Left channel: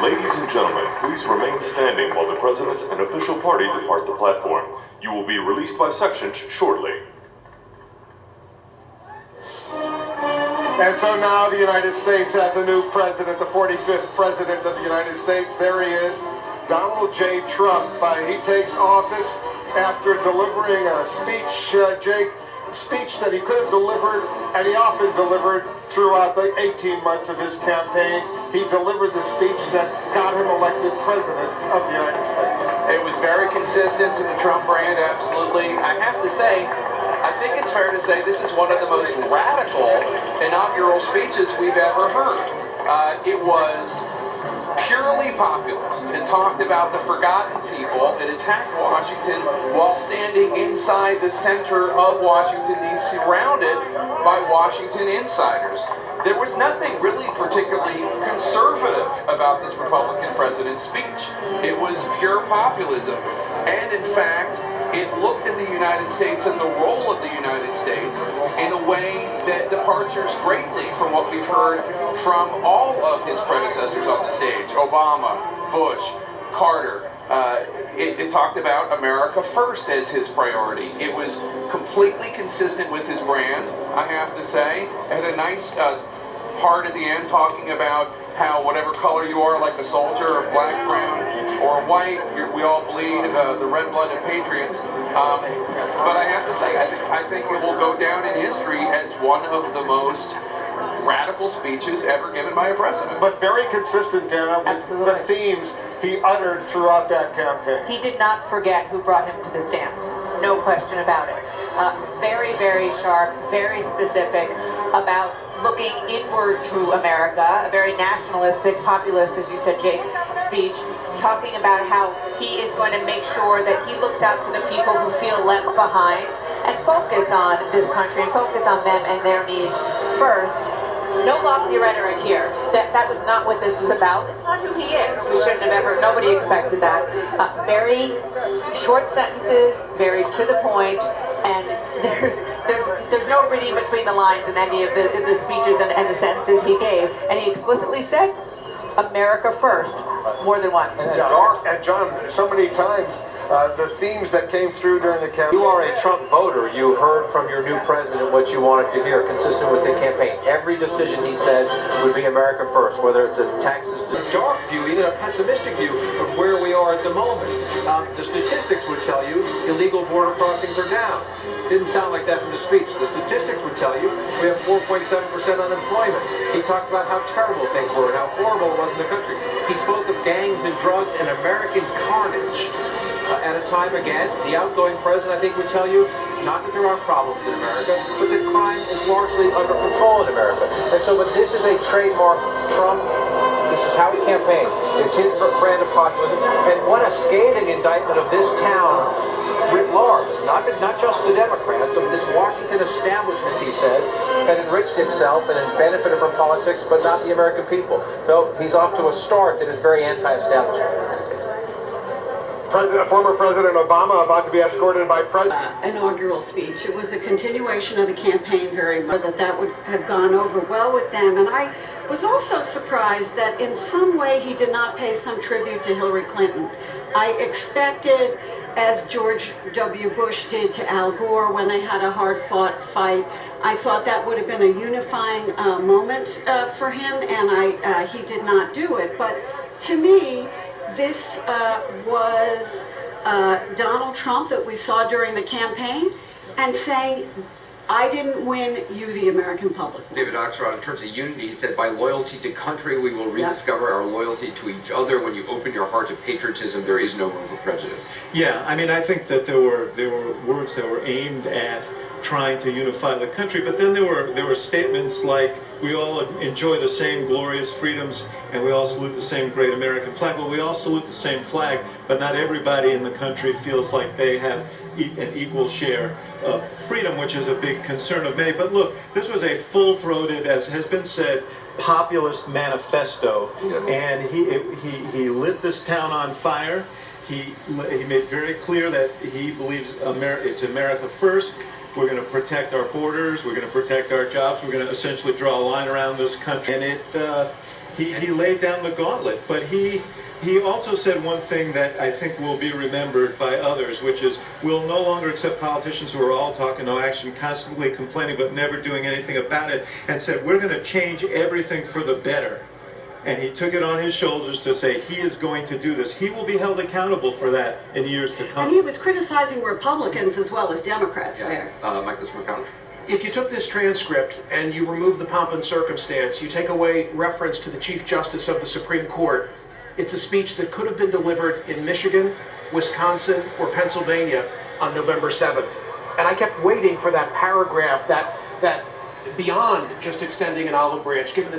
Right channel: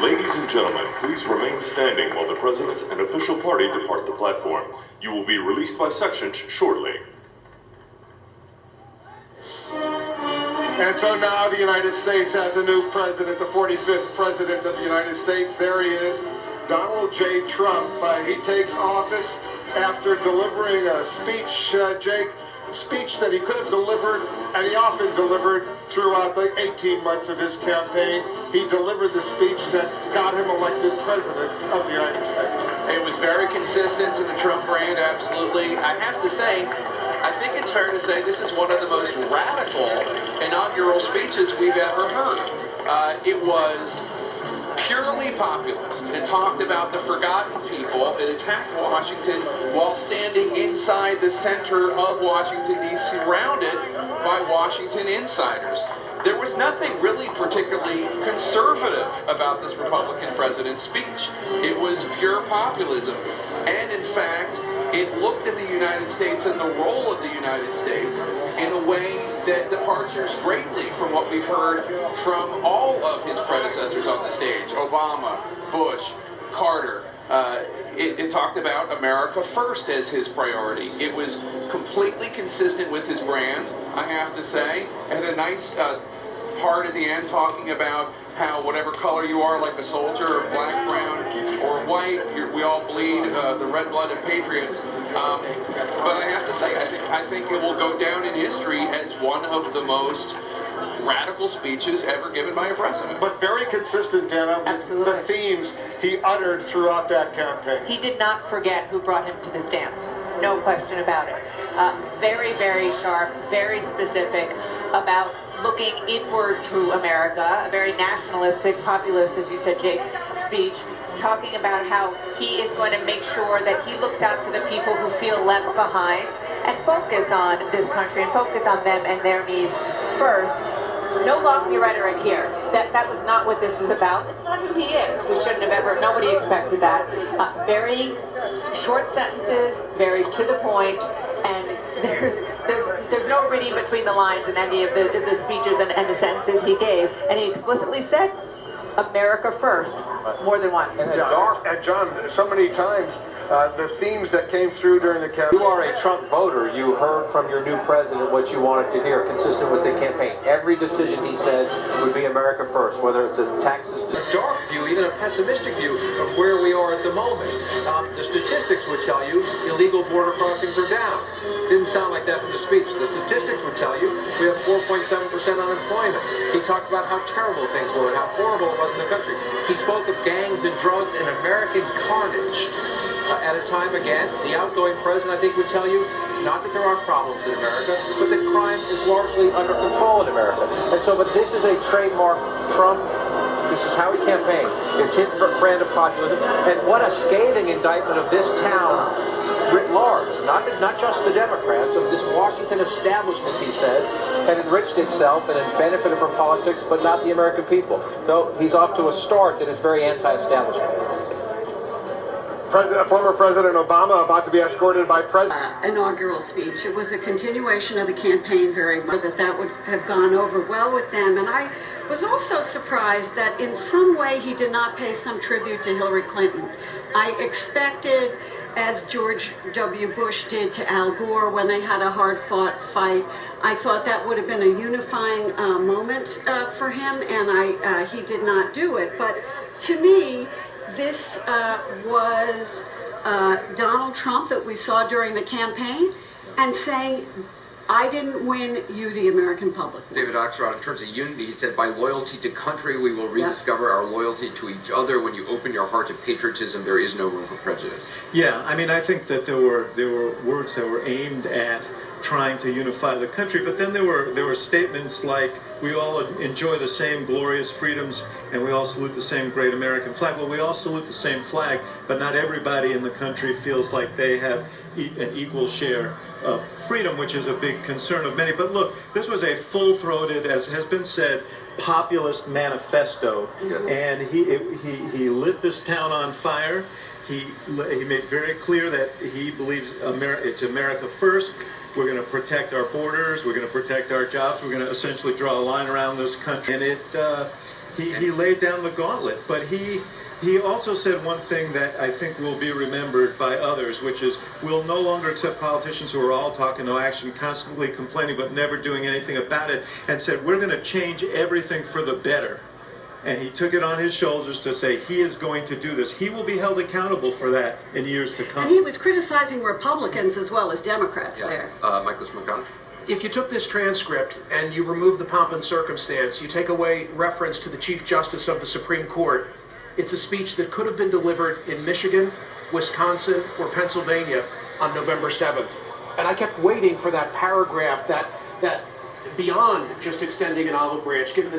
Ladies and gentlemen, please remain standing while the President and official party depart the platform. You will be released by sections shortly. And so now the United States has a new president, the 45th president of the United States. There he is, Donald J. Trump. He takes office after delivering a speech, Jake, speech that he could have delivered, and he often delivered throughout the 18 months of his campaign. He delivered the speech that got him elected president of the United States. It was very consistent to the Trump brand, absolutely. I have to say, I think it's fair to say this is one of the most radical inaugural speeches we've ever heard. It was purely populist. It talked about the forgotten people. It attacked Washington while standing inside the center of Washington, D.C., surrounded by Washington insiders. There was nothing really particularly conservative about this Republican president's speech. It was pure populism. And in fact, it looked at the United States and the role of the United States in a way that departures greatly from what we've heard from all of his predecessors on the stage. Obama, Bush, Carter. It talked about America first as his priority. It was completely consistent with his brand, I have to say. It had a nice part at the end talking about how whatever color you are, like a soldier, or black, brown, or white, we all bleed, the red-blooded patriots. But I have to say, I think it will go down in history as one of the most radical speeches ever given by a president. But very consistent, Dana, with the themes he uttered throughout that campaign. He did not forget who brought him to this dance. No question about it. Very, very sharp, very specific about looking inward to America, a very nationalistic, populist, as you said, Jake, speech, talking about how he is going to make sure that he looks out for the people who feel left behind and focus on this country and focus on them and their needs first. No lofty rhetoric here. That was not what this was about. It's not who he is. We shouldn't have ever, nobody expected that. Very short sentences, very to the point, and there's no reading between the lines in any of the speeches and the sentences he gave. And he explicitly said, America first, more than once. And John, so many times, the themes that came through during the campaign. You are a Trump voter. You heard from your new president what you wanted to hear, consistent with the campaign. Every decision he said would be America first, whether it's a taxes. A dark view, even a pessimistic view of where we are at the moment. The statistics would tell you illegal border crossings are down. Didn't sound like that from the speech. The statistics would tell you we have 4.7% unemployment. He talked about how terrible things were and how horrible it was in the country. He spoke of gangs and drugs and American carnage. At a time, again, the outgoing president, I think, would tell you not that there aren't problems in America, but that crime is largely under control in America. And so, but this is a trademark Trump. This is how he campaigned. It's his brand of populism. And what a scathing indictment of this town writ large. Not just the Democrats, but this Washington establishment, he said, had enriched itself and had benefited from politics, but not the American people. So he's off to a start that is very anti-establishment. Former President Obama about to be escorted by President. Inaugural speech. It was a continuation of the campaign very much, that would have gone over well with them. And I was also surprised that in some way he did not pay some tribute to Hillary Clinton. I expected, as George W. Bush did to Al Gore when they had a hard-fought fight, I thought that would have been a unifying moment for him, and he did not do it. But to me, this was Donald Trump that we saw during the campaign and saying, I didn't win, you the American public. David Axelrod, in terms of unity, he said, by loyalty to country, we will rediscover our loyalty to each other. When you open your heart to patriotism, there is no room for prejudice. Yeah, I mean, I think that there were words that were aimed at trying to unify the country, but then there were statements like, we all enjoy the same glorious freedoms and we all salute the same great American flag. Well, we all salute the same flag, but not everybody in the country feels like they have an equal share of freedom, which is a big concern of many. But look, this was a full-throated, as has been said, populist manifesto, yes. And he lit this town on fire. He made very clear that he believes it's America first. we're going to protect our borders, we're going to protect our jobs, we're going to essentially draw a line around this country. And he laid down the gauntlet, but he also said one thing that I think will be remembered by others, which is we'll no longer accept politicians who are all talk and no action, constantly complaining but never doing anything about it, and said we're going to change everything for the better. And he took it on his shoulders to say he is going to do this. He will be held accountable for that in years to come. And he was criticizing Republicans as well as Democrats there. Michael McDonald? If you took this transcript and you remove the pomp and circumstance, you take away reference to the Chief Justice of the Supreme Court, it's a speech that could have been delivered in Michigan, Wisconsin, or Pennsylvania on November 7th. And I kept waiting for that paragraph that beyond just extending an olive branch, given the